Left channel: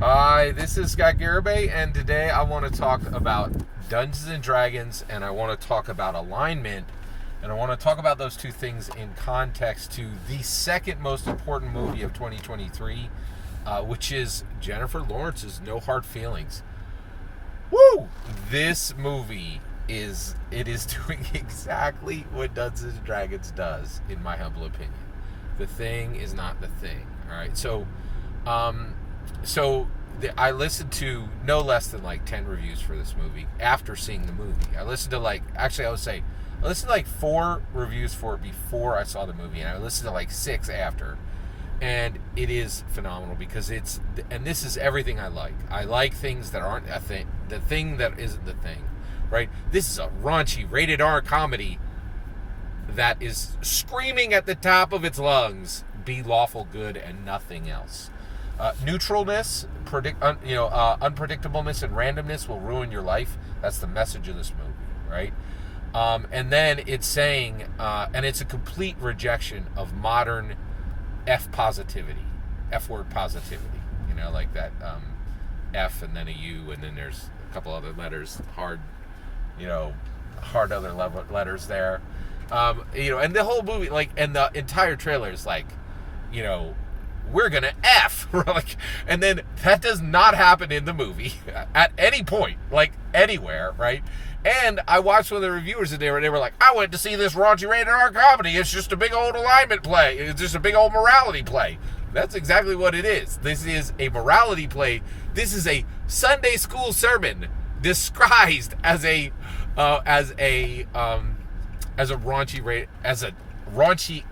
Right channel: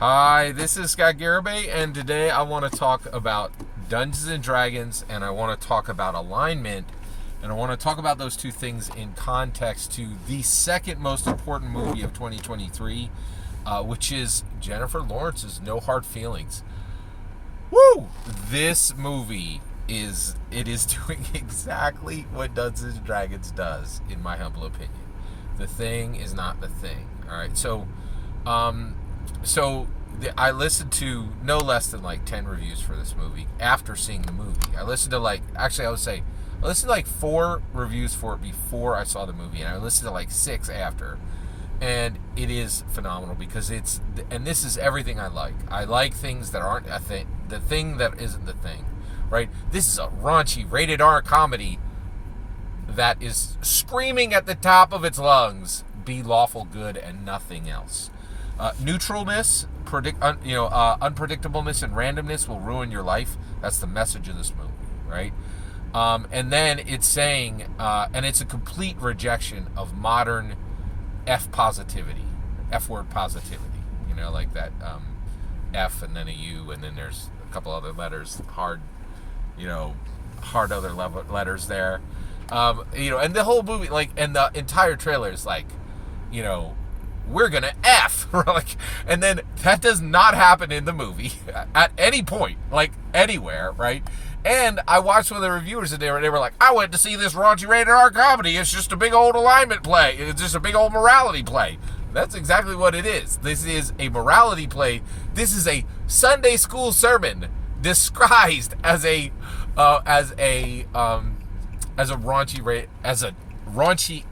Hi, this is Scott Garibay, and today I want to talk about Dungeons and Dragons, and I want to talk about alignment, and I want to talk about those two things in context to the second most important movie of 2023, which is Jennifer Lawrence's No Hard Feelings. Woo! This movie is doing exactly what Dungeons and Dragons does, in my humble opinion. The thing is not the thing. All right, I listened to no less than like 10 reviews for this movie after seeing the movie. I listened to I listened to like 4 reviews for it before I saw the movie, and I listened to like 6 after. And it is phenomenal because this is everything I like. I like things that aren't a thing, the thing that isn't the thing, right? This is a raunchy, rated R comedy that is screaming at the top of its lungs, be lawful good and nothing else. Neutralness, unpredictableness, and randomness will ruin your life. That's the message of this movie, right? And then it's saying, and it's a complete rejection of modern F positivity, F word positivity. Like that F and then a U, and then there's a couple other letters, hard other letters there. And the whole movie, and the entire trailer is we're gonna F, and then that does not happen in the movie at any point, anywhere, right? And I watched one of the reviewers and they were like, I went to see this raunchy rated R comedy. It's just a big old alignment play. It's just a big old morality play. That's exactly what it is. This is a morality play. This is a Sunday school sermon disguised as a raunchy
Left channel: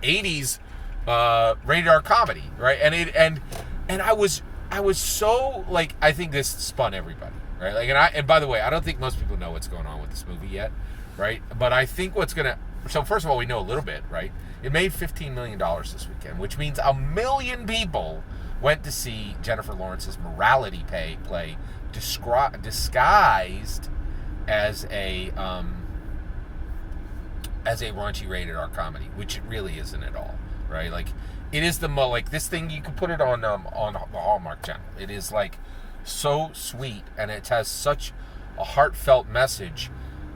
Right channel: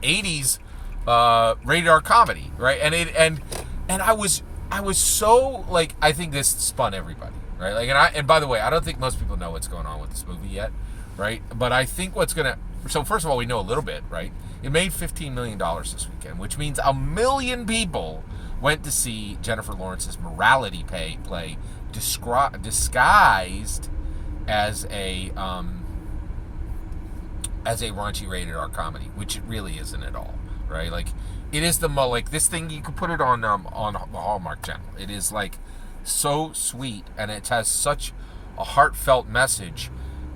80s rated R comedy, right? And I was so I think this spun everybody, right? And by the way, I don't think most people know what's going on with this movie yet, right? But I think so first of all, we know a little bit, right? It made $15 million this weekend, which means 1 million people went to see Jennifer Lawrence's morality play disguised as a raunchy rated R comedy, which it really isn't at all. Right, it is this thing, you can put it on the Hallmark Channel. It is so sweet, and it has such a heartfelt message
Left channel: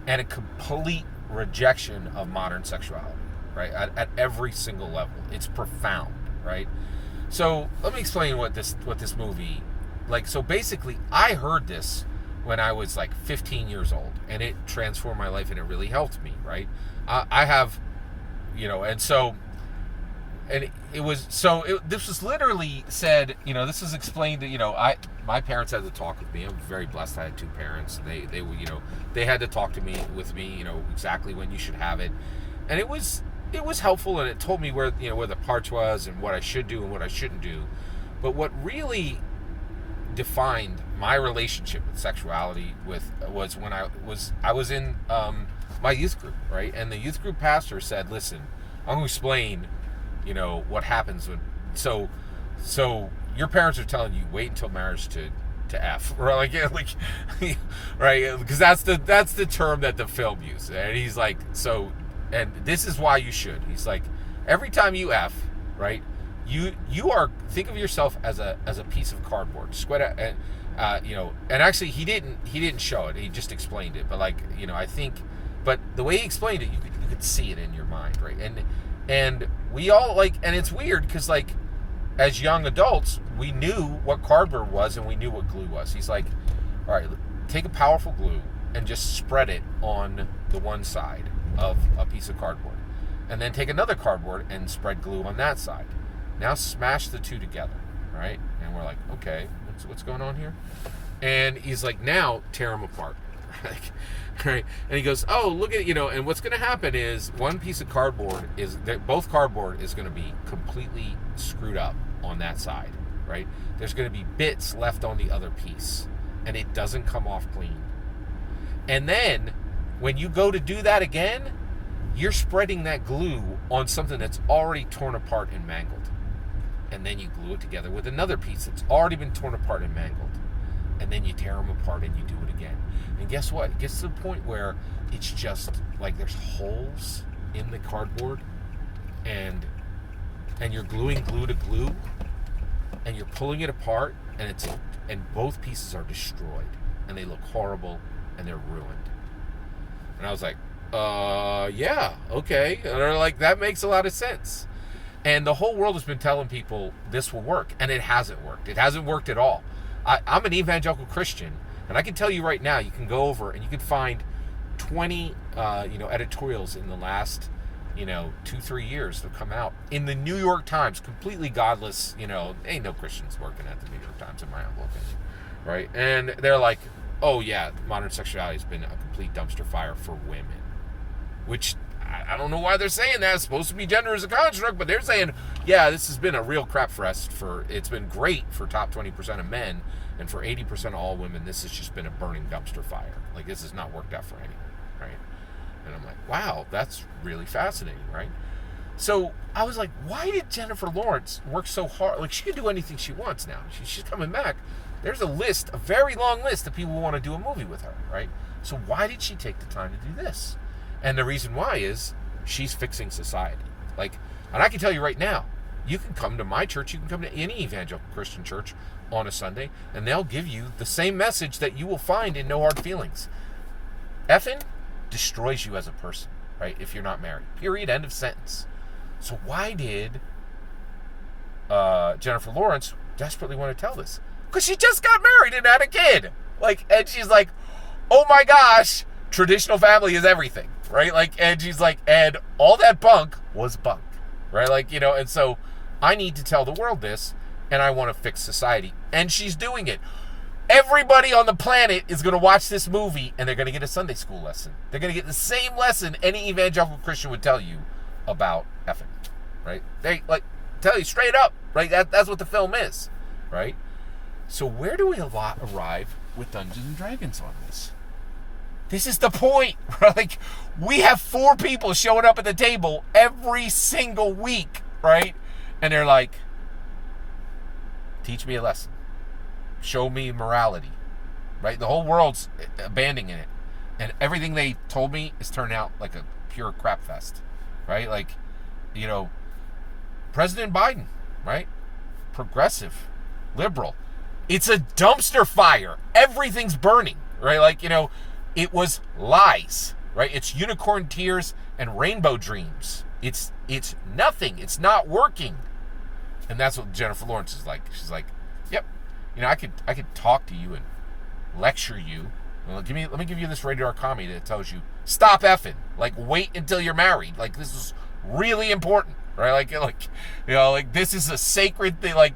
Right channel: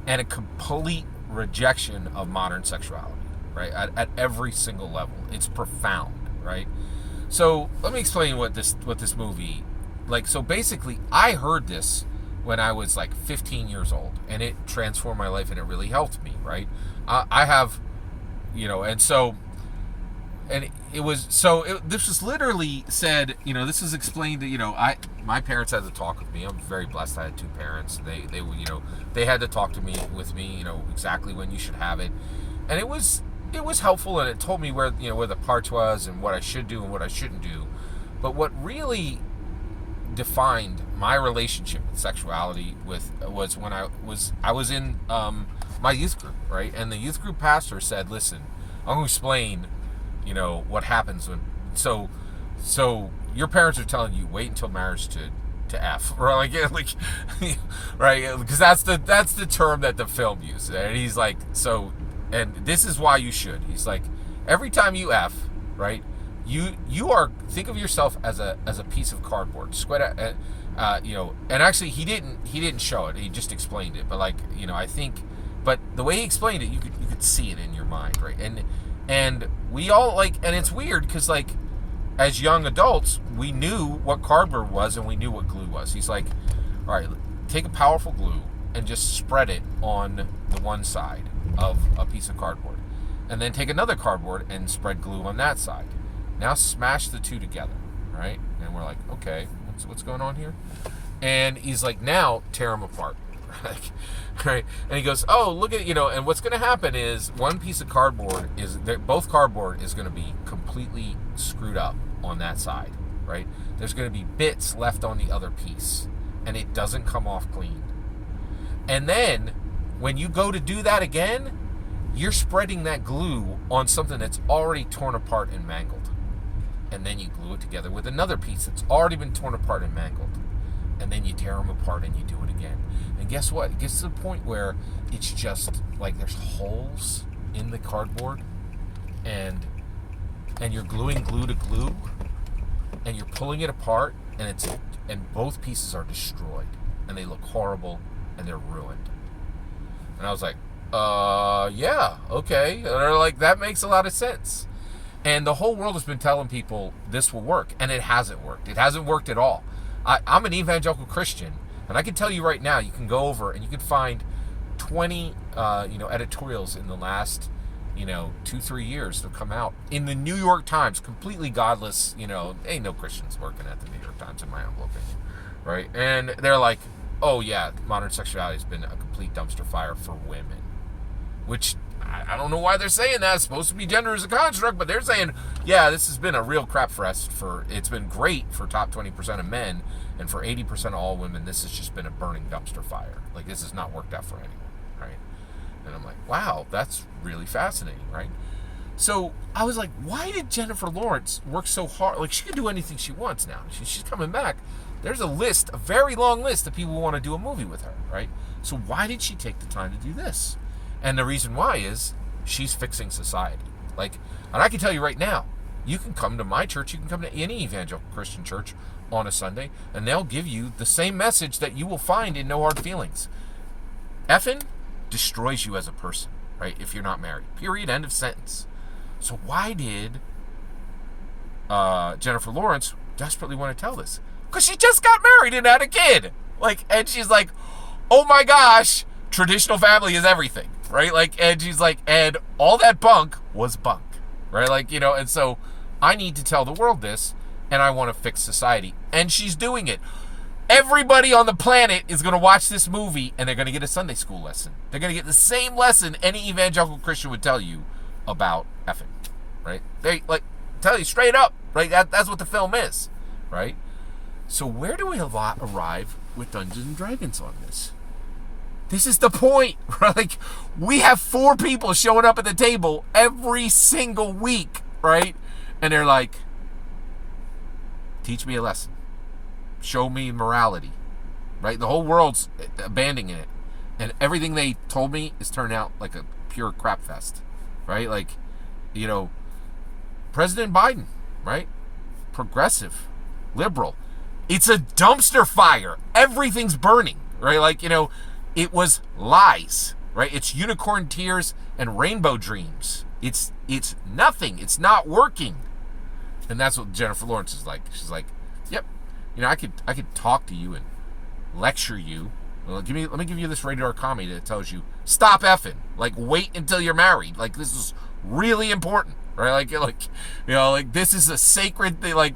and a complete rejection of modern sexuality, right? At every single level, it's profound, right? So let me explain what this movie So basically, I heard this when I was 15 years old, and it transformed my life, and it really helped me, right? I have, and so. And this was literally said, this was explained that, my parents had to talk with me. I'm very blessed I had 2 parents. They had to talk with me, exactly when you should have it. And it was helpful, and it told me where the parts was and what I should do and what I shouldn't do. But what really defined my relationship with sexuality was when I was in my youth group, right? And the youth group pastor said, listen, I'm going to explain what happens when so your parents are telling you wait until marriage to F, or right? Because that's the term that the film used, and he's and this is why you should. He's every time you F, right, you are, think of yourself as a piece of cardboard, and actually he didn't show it, he just explained it, but I think, but the way he explained it, you could see it in your mind, right? And we all and it's weird because as young adults, we knew what cardboard was and we knew what glue was. He's all right, take a powerful glue and just spread it on the one side of a piece of cardboard, and then take another cardboard and spread glue on that side. Now smash the two together, right? And we're okay, what's going on here? And he's now tear them apart. Right, and he goes, oh, look at and what's going to happen is one piece of cardboard both cardboard is going to be completely screwed up on that side, right? There's going to be bits left on the other piece, and it doesn't come off clean. And then when you go to do that again, you're spreading that glue on something that's already torn apart and mangled, and then you glue it together with another piece that's already been torn apart and mangled, and then you tear them apart and you do it again. And guess what? It gets to the point where it's just there's holes in the cardboard, and you're gluing glue to glue, and you're pulling it apart, and and both pieces are destroyed, and they look horrible, and they're ruined. And I was like, yeah, okay. And they're like, that makes a lot of sense. And the whole world has been telling people this will work, and it hasn't worked. It hasn't worked at all. I'm an evangelical Christian, and I can tell you right now, you can go over and you can find 20, editorials in the last, 2-3 years that have come out in the New York Times, completely godless. Ain't no Christians working at the New York Times, in my humble opinion, right? And they're like, oh yeah, modern sexuality has been a complete dumpster fire for women, which I don't know why they're saying that. It's supposed to be gender as a construct, but they're saying, yeah, this has been a real crap fest it's been great for top 20% of men, and for 80% of all women, this has just been a burning dumpster fire. Like, this has not worked out for anyone, right? And I'm like, wow, that's really fascinating, right? So I was like, why did Jennifer Lawrence work so hard? Like, she can do anything she wants now. She's coming back. There's a very long list of people who want to do a movie with her, right? So why did she take the time to do this? And the reason why is she's fixing society. Like, and I can tell you right now, you can come to my church, you can come to any evangelical Christian church on a Sunday, and they'll give you the same message that you will find in No Hard Feelings. Effing destroys you as a person, right? If you're not married. Period. End of sentence. So why did Jennifer Lawrence desperately want to tell this? Because she just got married and had a kid. And she's like, oh my gosh, traditional family is everything, right? And she's like, and all that bunk was bunk, right? And so I need to tell the world this, and I want to fix society. And she's doing it. Everybody on the planet is going to watch this movie, and they're going to get a Sunday school lesson. They're going to get the same lesson any evangelical Christian would tell you about effing, right? They tell you straight up, right? That's what the film is, right? So where do we arrive with Dungeons and Dragons on this? This is the point, right? We have 4 people showing up at the table every single week, right? And they're like, teach me a lesson. Show me morality, right? The whole world's abandoning it. And everything they told me is turned out like a pure crap fest, right? President Biden, right? Progressive, liberal. It's a dumpster fire. Everything's burning, right? It was lies, right? It's unicorn tears and rainbow dreams. It's nothing. It's not working. And that's what Jennifer Lawrence is like. She's like, yep, I could talk to you and lecture you. Let me give you this rated R comedy that tells you, stop effing. Wait until you're married. This is really important, right? This is a sacred thing.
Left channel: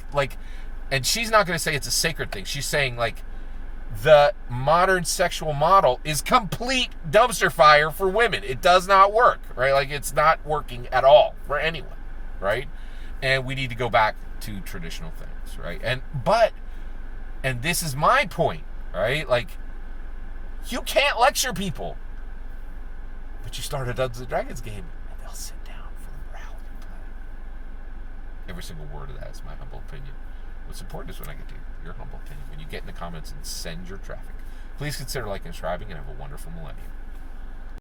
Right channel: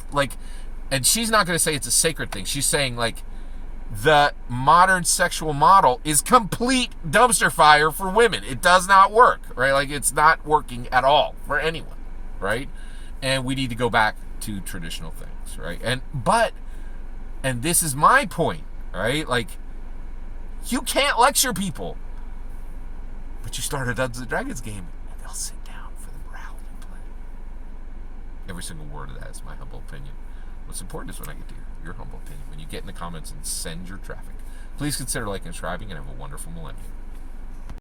And she's not going to say it's a sacred thing. She's saying, the modern sexual model is complete dumpster fire for women. It does not work, right? It's not working at all for anyone, right? And we need to go back to traditional things, right? And this is my point, right? You can't lecture people, but you start a Dungeons and Dragons game, and they'll sit down for the morality play. Every single word of that is my humble opinion. What's important is when I get to your humble opinion. When you get in the comments and send your traffic. Please consider liking and subscribing, and have a wonderful millennium.